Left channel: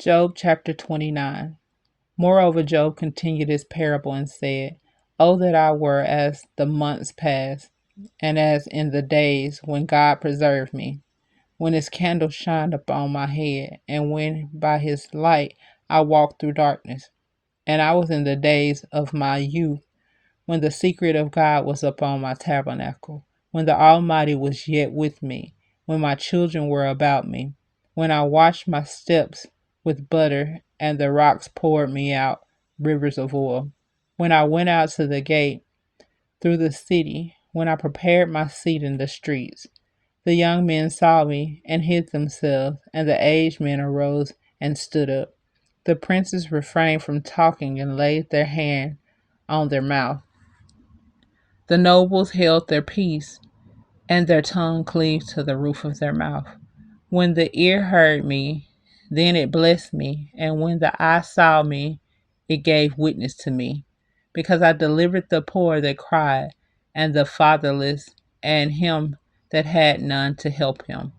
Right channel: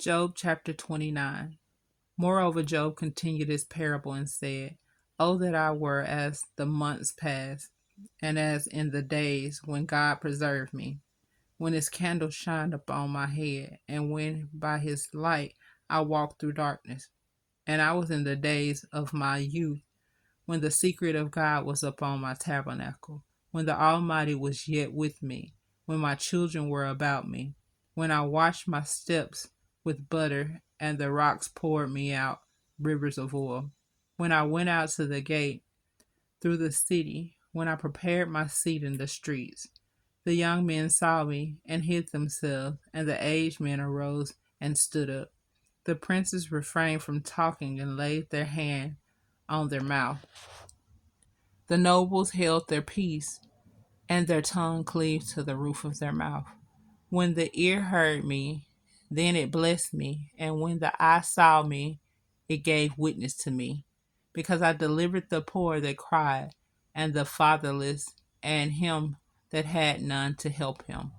Job chapter 29. Moreover, Job continued his parable and said, "Oh, that I were as the months past, and as in the days when God preserved me, when his candle shined upon my head, and when by his light I walked through darkness. And I was in the days of my youth, when the secret of God was upon my tabernacle, when the Almighty was yet with me, when my children were about me, when I washed my steps with butter, and the rocks poured me out rivers of oil, when I went out to the gate through the city, when I prepared my seat in the streets. The young men saw me and hid themselves, and the aged men arose and stood up. The princes refrained from talking and laid their hand on their mouth. The nobles held their peace, and their tongue cleaved to the roof of their mouth. When the ear heard me, then it blessed me, and when the eye saw me, it gave witness to me. Because I delivered the poor that cried, and the fatherless, and him that had none to help him.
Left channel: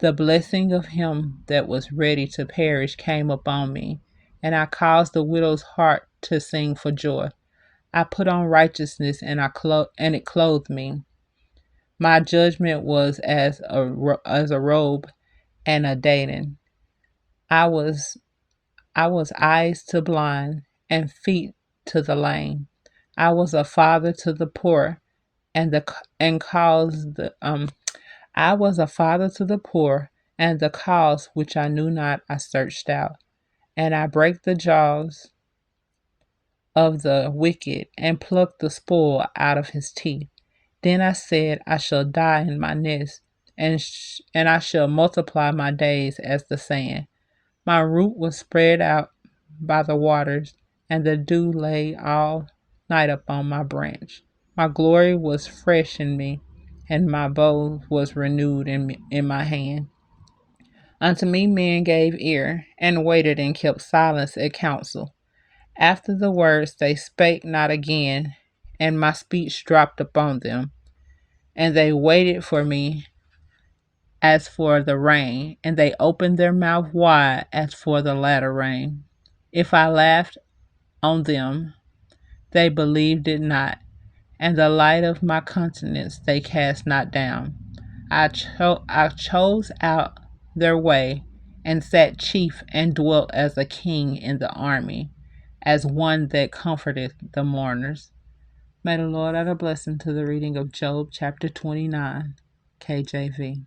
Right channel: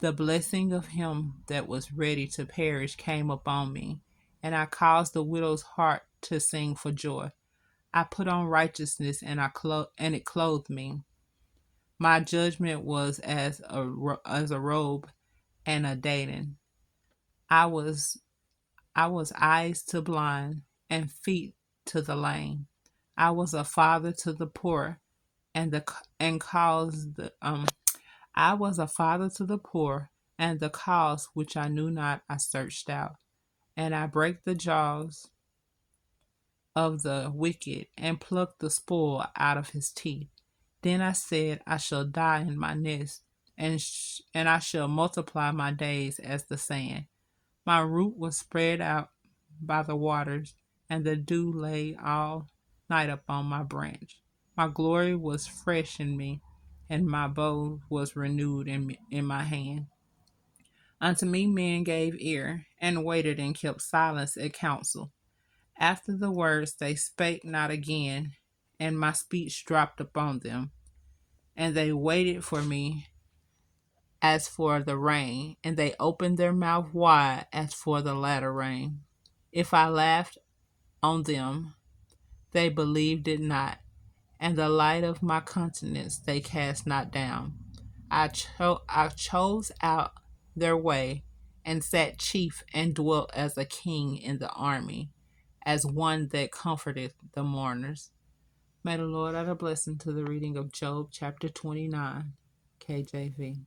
The blessing of him that was ready to perish came upon me, and I caused the widow's heart to sing for joy. I put on righteousness, and it clothed me. My judgment was as a robe and a diadem. I was I was eyes to blind and feet to the lame. I was a father to the poor, and the and caused the I was a father to the poor, and the cause which I knew not I searched out, and I break the jaws of the wicked, and pluck the spoil out of his teeth. Then I said, I shall die in my nest, and I shall multiply my days as the sand. My root was spread out by the waters, and the dew lay all night upon my branch. My glory was fresh in me, and my bow was renewed in my hand. Unto me men gave ear, and waited and kept silence at council. After the words they spake not again, and my speech dropped upon them. And they waited for me as for the rain, and they opened their mouth wide as for the latter rain. If I laughed on them, they believed it not, and the light of my countenance they cast not down. I chose out their way, and sat chief, and dwelt as a king in the army, as one that comforteth the mourners. May the Lord add a blessing to the reading of Job chapter 29, KJV.